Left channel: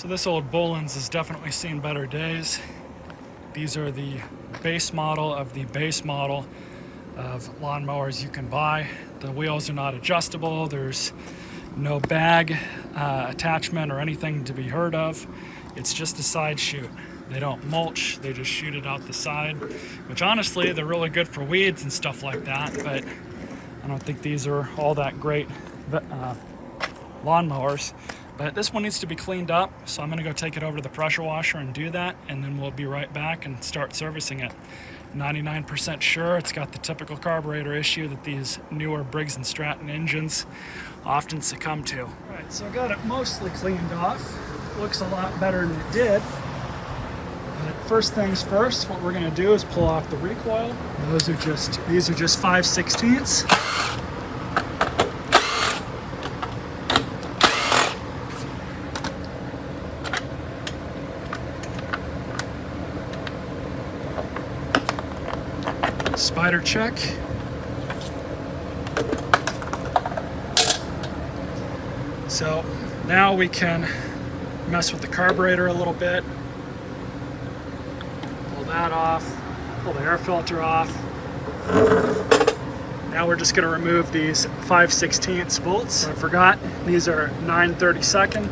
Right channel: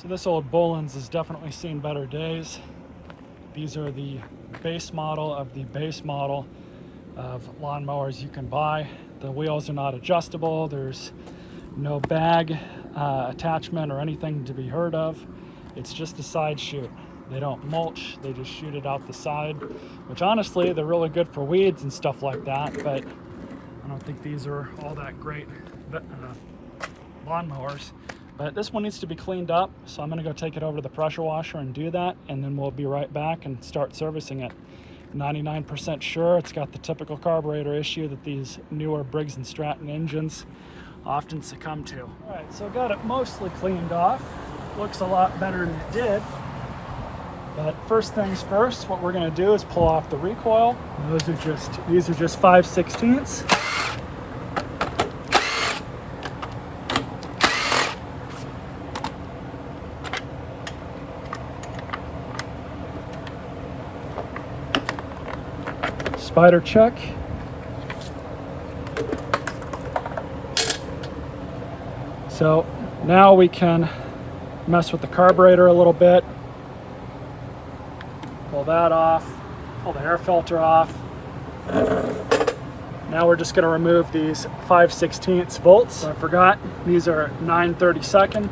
So this old Bolens has definitely seen better days. These are the base model of the base model of lawnmowers you can buy. The wheels are not adjustable. There's no bag attachment or anything to be heard of. It's just a side shoot. They don't mulch, they just shoot it out the side, which honestly, they're really good for weeds and stuff like that, but I don't think these are all that great lawnmowers. But this one needs to be cleaned up, so I'm gonna go take it over to the pressure washer and do that, and then we'll be right back and start servicing it. 99% sure it's got the typical carburetor issue that these newer Briggs and Stratton engines often succumb to. All right, so I got it mostly cleaned off. Looks a lot better than it did. But first things first, what we're gonna do is pull off the recoil. These are just 5/16. Spider check. So now we can mess with the carburetor a little bit. Pull that off, pull the air filter off. Now we're just going to remove these 5/16 bolts. I forgot, these are 9/32.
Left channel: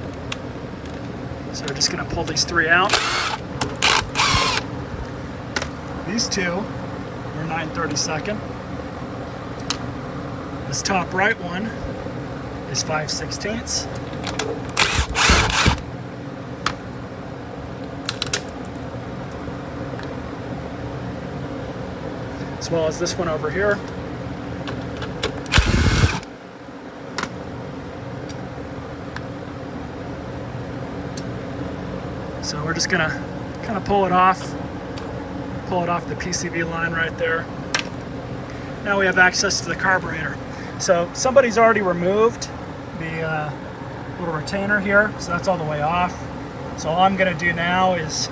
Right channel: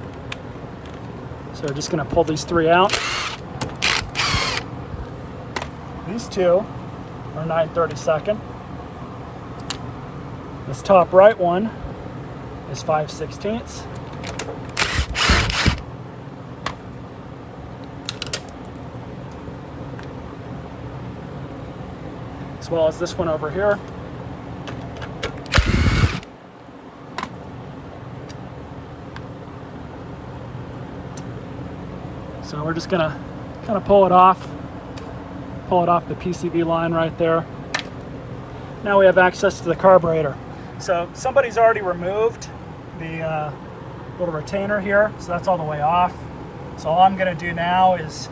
So we're just going to pull these three out. These two are 9/32. This top right one is 5/16. As well as this one over here. So we're just gonna kind of pull it off the PCV line right there. Now we have access to the carburetor. So somebody's already removed the little retainer here, so that's all the way off. So all I'm gonna do now is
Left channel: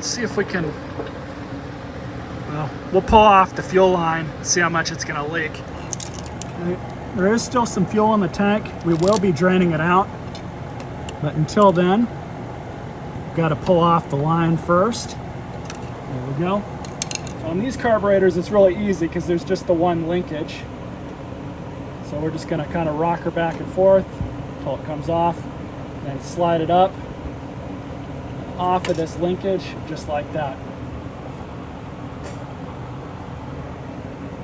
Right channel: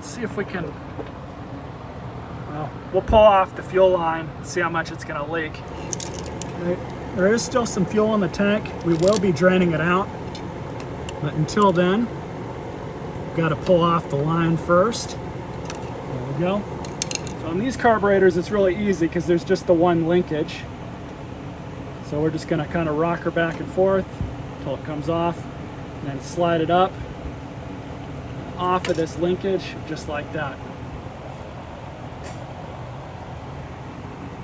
see if we can, well, we'll pull off the fuel line, see how much it's gonna leak. There is still some fuel in the tank. We will be draining it out, but until then, we've got to pull off the line first. There we go. So on these carburetors, it's really easy because there's just the one linkage. So we're just gonna kind of rock her back and forth until it comes off, and then slide it up off of this linkage, just like that.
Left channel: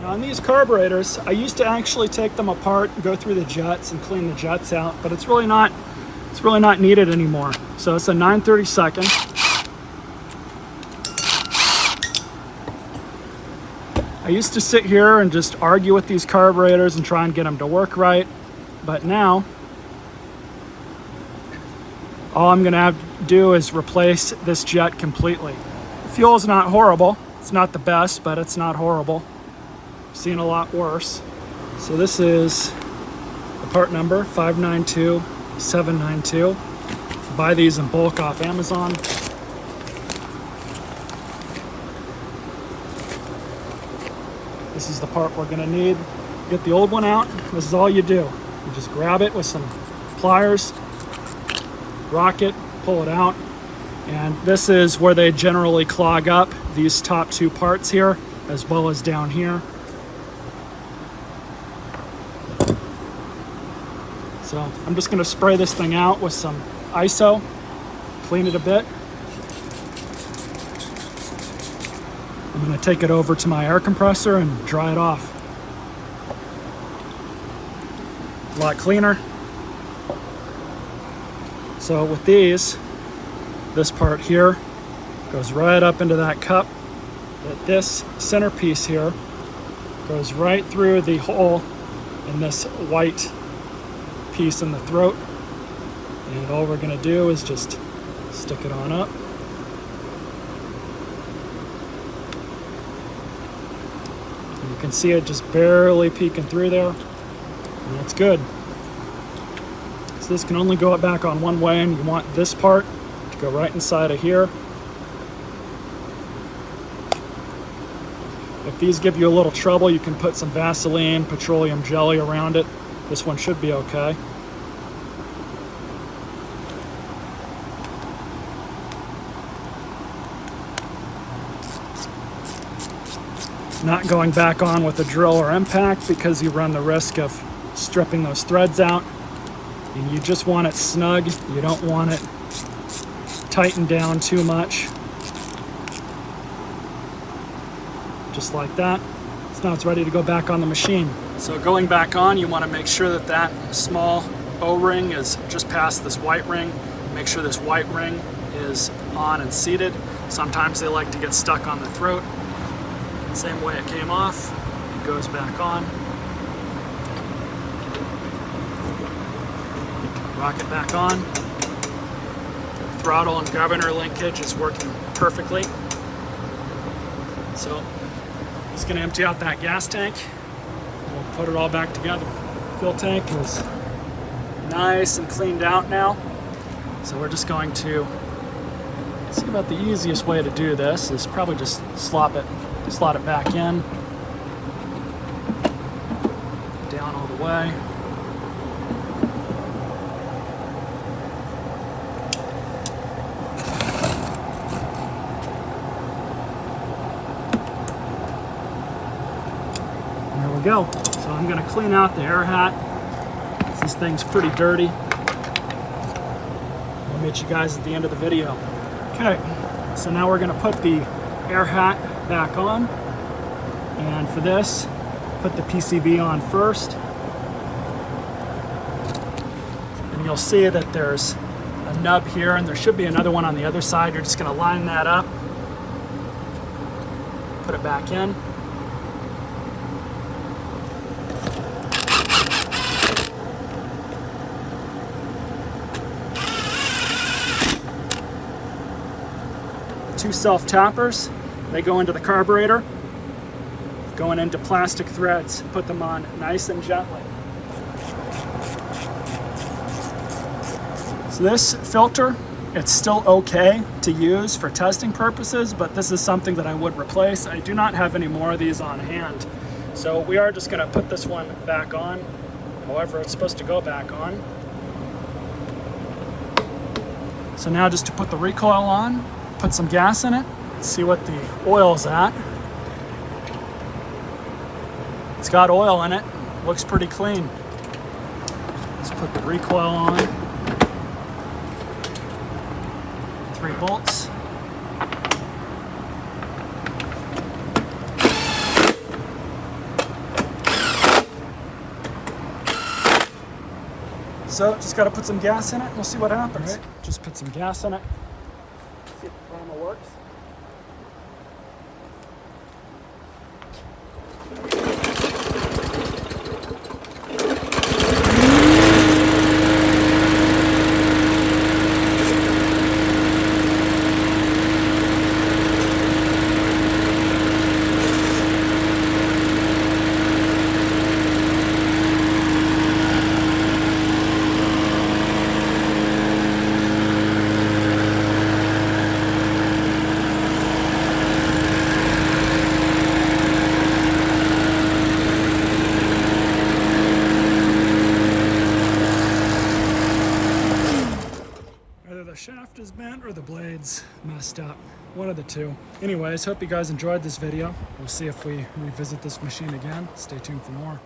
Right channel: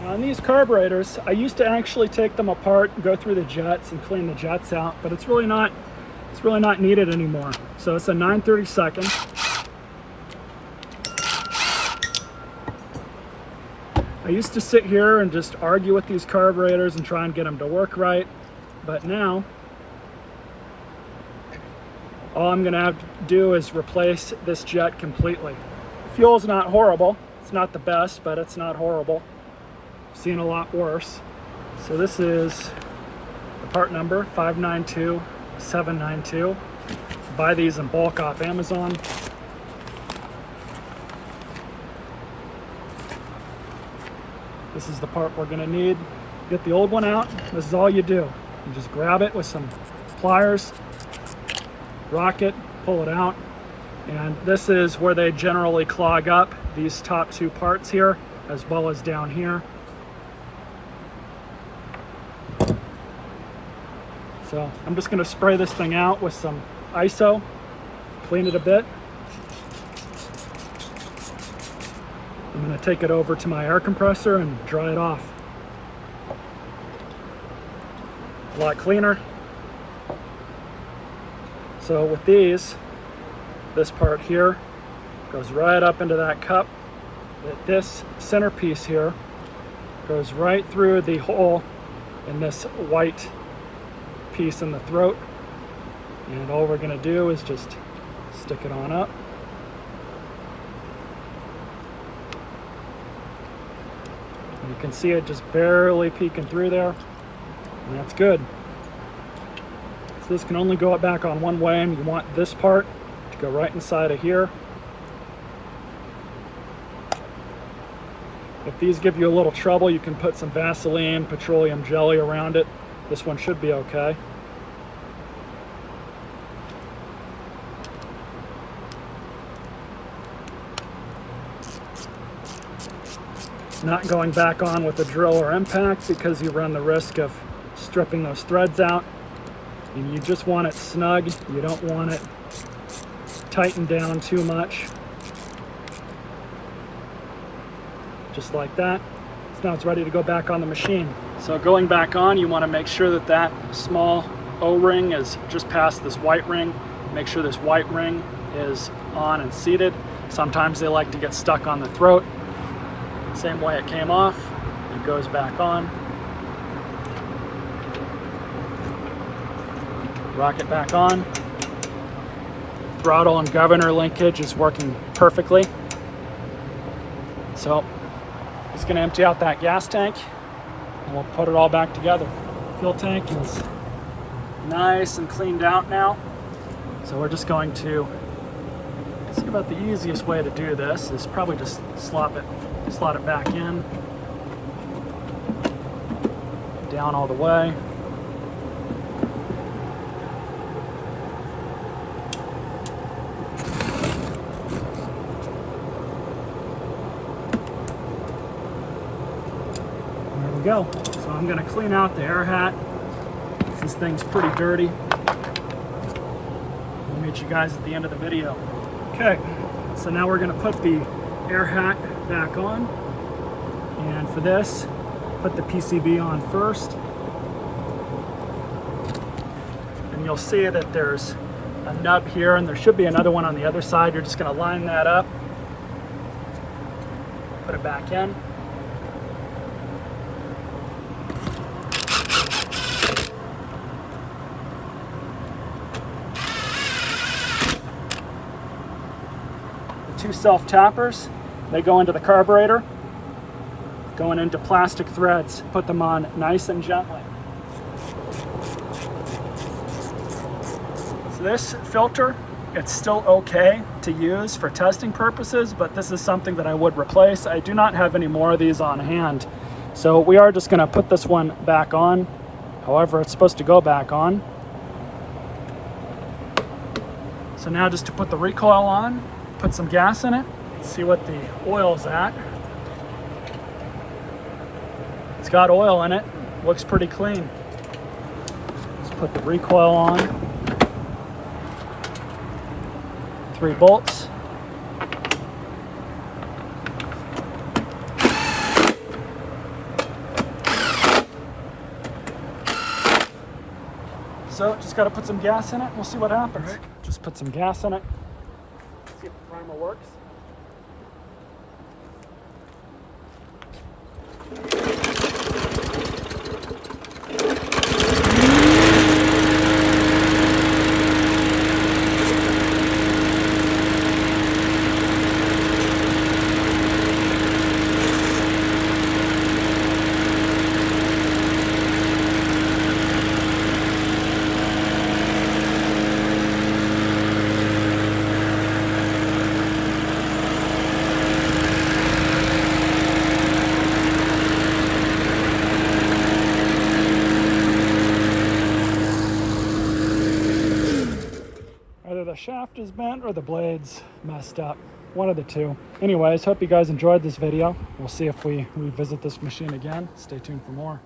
Now on these carburetors, I used to actually take them apart, go through the jets and clean the jets out, but it's really not needed anymore. So it's a 9/32. I used to sit here and just argue with these carburetors and try and get them to work right, but now all I'm gonna have to do is replace this jet completely. Fuel's not horrible. It's not the best, but it's not horrible. I've seen a lot worse. So this is the part number 592792. Buy these in bulk off Amazon. This is the part we're gonna need. Get the old one out. This is all you do. You just grab it with some pliers, rock it, pull it out. And this is where they generally clog up, these top two parts here, as well as down here. So I'm just gonna spray this thing out with some ISO, clean it a bit. I'm gonna take it over to my air compressor and dry it off. A lot cleaner. So with these, this part here goes right up into that cup. But this centerpiece here goes right through the hole in this white piece in the throat. And all we're gonna do is just stick it on up. And you can see it just barely peeking through there, and that's good. So this can only go back on one way, and you want this part to go right inside of here. If these give you a little trouble, you can put some Vaseline, petroleum jelly around it. This one should be okay. not going back on with a drill or impact because you run the risk of stripping those threads out. And you just want it snug. You don't want it tightened down too much. Just like that. So now it's ready to go back on the machine. So going back on, you want to make sure that that small O-ring is just past this white ring. Make sure this white ring is on and seated. Sometimes they like to get stuck on the throat. Same way it came off, it goes back on. Rock it back on. Throttle and governor linkage is working perfectly. So just gonna empty out that gas tank and we'll put it all back together. Fuel tank is nice and cleaned out now. So we're just going to see about the easiest way to do this is probably just slot it back in, down all the way. There we go. So I'm going to clean out the air hat. This thing's pretty dirty. We'll meet you guys at the end of the video. Okay, so now we're going to put the air hat back on, and for this, put the PCV on first. And you'll see that there's a nub here, and there should be another one on the other side. You're just going to line that up, put it back in. Two self-tappers, they go into the carburetor, going into plastic threads. Put them on nice and gently. So this filter, it's still okay to use for testing purposes, but this is something that I would replace. I do not have any more of these on hand. So we are just gonna put this one back on. However, it's supposed to go back on. So now just to put the recoil on, put some gas in it, see what the oil's at. It's got oil in it, looks pretty clean. Let's put the recoil on. 3 bolts. So just got to put some gas in it and we'll see what happens. Right. Just put some gas in it. See if the primer works. The shaft is bent or the blade's messed up. One of the two. Anyways, hope you guys enjoyed this video. We'll see if we revisit this machine again. Stay tuned for more.